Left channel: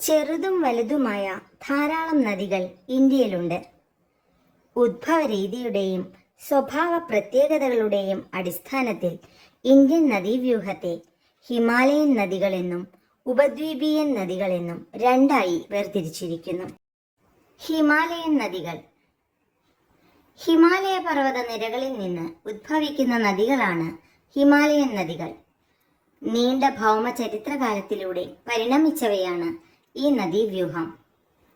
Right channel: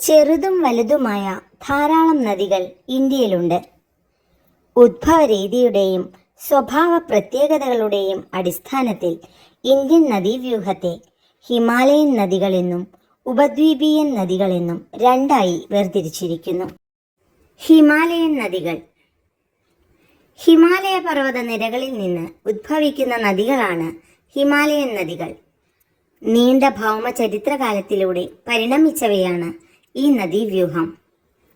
ചെറുതും വലുതുമായ ധാരാളം നദികൾ ഇന്ത്യയിലുണ്ട്. ഉദ്ഭവരീതിയുടെയും സ്വഭാവ പ്രത്യേകതകളുടെയും അടിസ്ഥാനത്തിൽ ഇന്ത്യൻ നദീവ്യൂഹത്തെ ഹിമാലയൻ നദികളെന്നും ഉപദ്വീപീയൻ നദികളെന്നും രണ്ടായി വേർതിരിച്ചിരിക്കുന്നു. ഹിമാലയൻ നദികൾ ഹിമാലയ പർവ്വത നിരകളിൽ നിന്ന് ഉദ്ഭവിക്കുന്ന നദികളാണ് ഹിമാലയൻ നദികൾ. നീണ്ട ഭൗമ ചരിത്രകാലത്തിലൂടെ പരിണമിച്ചവയാണ് ഈ നദീവ്യൂഹം.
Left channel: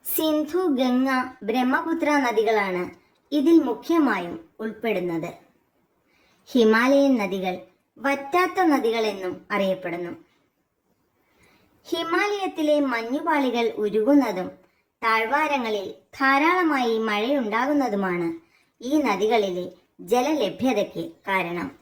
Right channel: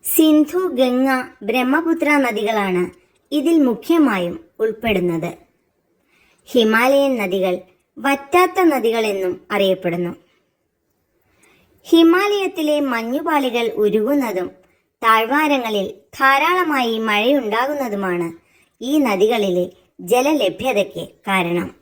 സിന്ധു, ഗംഗ, ബ്രഹ്മപുത്ര നദികളാണ് ഇതിൽ മുഖ്യമായും ഉൾപ്പെടുന്നത്. ഹിമാലയൻ നദികൾ വറ്റാത്ത നദികളെന്നും അറിയപ്പെടുന്നു. ഹിമാലയത്തിലെ മഞ്ഞുപാളികൾ ഉരുകുന്നതും താഴ്വാരങ്ങളിൽ ധാരാളമായി മഴയുണ്ടാകുന്നതുമാണ് ഈ നദികളിലെ ജലലഭ്യതയ്ക്ക് കാരണം.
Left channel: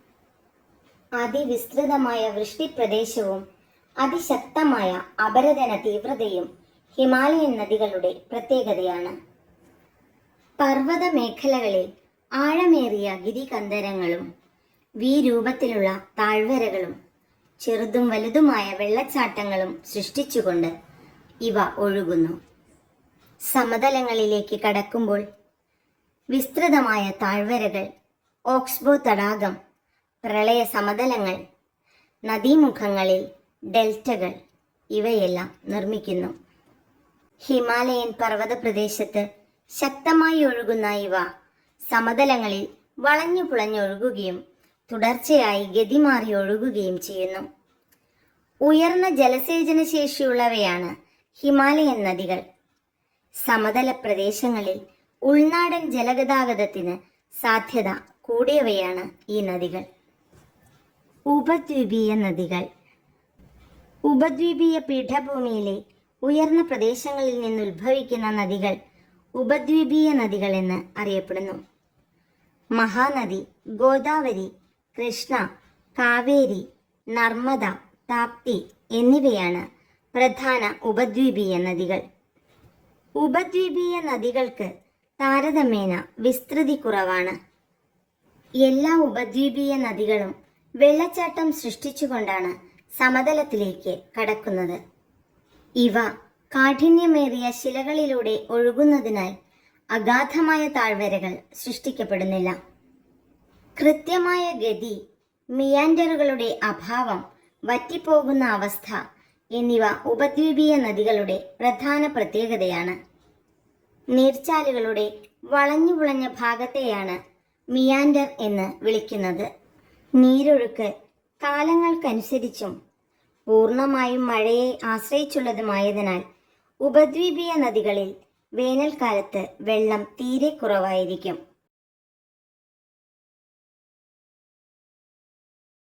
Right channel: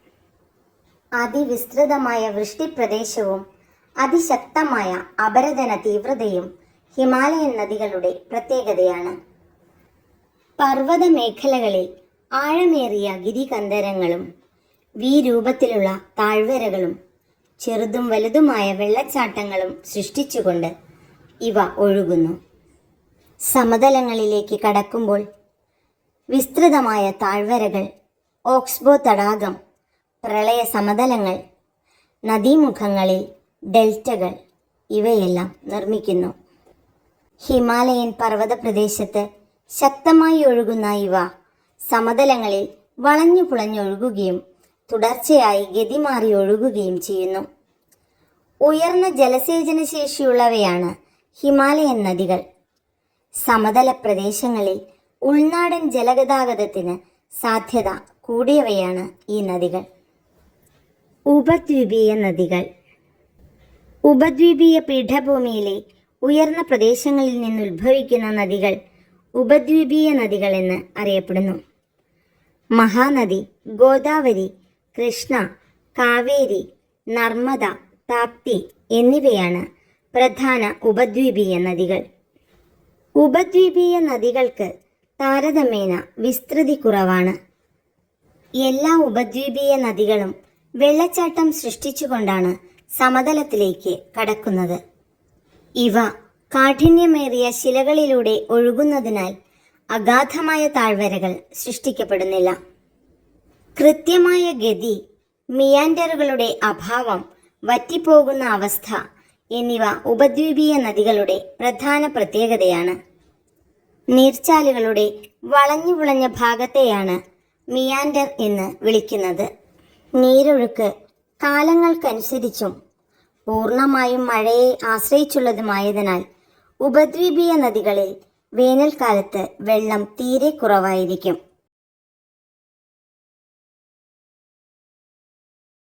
അതിവിസ്തൃതമായ വൃഷ്ടിപ്രദേശവും അതിശക്തമായ അപരദന തീവ്രതയും ഹിമാലയൻ നദികളുടെ പ്രത്യേകതയാണ്. പർവ്വത മേഖലകളിൽ ആഴമേറിയ ഗിരികന്ധരങ്ങളും രൂപത്തിലുള്ള താഴ്വരകളും ചെറുതും വലുതുമായ വെള്ളച്ചാട്ടങ്ങളും സൃഷ്ടിച്ചുകൊണ്ട് ഇവ ഒഴുകുന്നു. സമതലങ്ങളിലേക്ക് കടക്കുമ്പോൾ വിസ്തൃതമായ താഴ്വരകൾ, ഓക്സ്ബോ തടാകം, പ്രളയ സമതലങ്ങൾ, നദീമുഖങ്ങളിൽ ഡെൽറ്റകൾ ഇവയെല്ലാം നിർമ്മിക്കുന്നു. ഹിമാലയൻ പർവ്വത പ്രദേശത്ത് ശക്തമായി ഒഴുകുന്ന ഇവ സമതലങ്ങളിൽ വളഞ്ഞു പുളഞ്ഞൊഴുകുകയും തുടർച്ചയായി ഗതിമാറി ഒഴുകുകയും ചെയ്യുന്നു. ഉയർന്ന ജലസേചന ശേഷിയുള്ളവയാണ് ഹിമാലയൻ നദികൾ. സമതല പ്രദേശങ്ങളിൽ ഉൾനാടൻ ജലഗതാഗതത്തിന് സാധ്യത കൂടിയവയാണ് ഈ നദികൾ. ഉപദ്വീപീയ നദികൾ ഉപദ്വീപീയ പീഠഭൂമിയിലെ ഉയർന്ന പ്രദേശങ്ങളിൽ നിന്നുദ്ഭവിക്കുന്ന നദികൾ ഉപദ്വീപീയ നദികൾ എന്ന് അറിയപ്പെടുന്നു. മഹാനദി, ഗോദാവരി, കൃഷ്ണ, കാവേരി, നർമ്മദ, താപ്തി എന്നിവയാണ് പ്രധാന ഉപദ്വീപീയ നദികൾ. ഉപദ്വീപീയ നദികൾക്ക് താരതമ്യേന വിസ്തൃതി കുറവാണ്. എല്ലാ ഉപദ്വീപീയ നദികളും വെള്ളച്ചാട്ടം സൃഷ്ടിച്ചുകൊണ്ടാണ് സമതലത്തിലേക്ക് കടക്കുന്നത്. ഇവ കാഠിന്യമേറിയ ശിലകളിലൂടെ ഒഴുകുന്നതിനാൽ അഗാധമായ താഴ്വരകൾ സൃഷ്ടിക്കപ്പെടുന്നില്ല. കൃത്യമായ ഗതി, മിയാൻഡറുകളുടെ അഭാവം, വറ്റിപ്പോകുന്ന അവസ്ഥ എന്നിവ ഉപദ്വീപീയ നദികളുടെ പ്രധാന പ്രത്യേകതയാണ്. നീർച്ചാലുകളുടെ വളഞ്ഞു പുളഞ്ഞ ഭാഗത്തെയാണ് മിയാൻഡർ എന്ന് വിളിക്കുന്നത്. നീരൊഴുക്ക് കാലങ്ങൾക്കനുസരിച്ചും പൂർണ്ണമായും മഴയെ ആശ്രയിച്ചുള്ളതുമായതിനാൽ ഉപദ്വീപീയ നദികളിൽ വേനൽക്കാലത്ത് വെള്ളം തീരെ കുറവായിരിക്കും.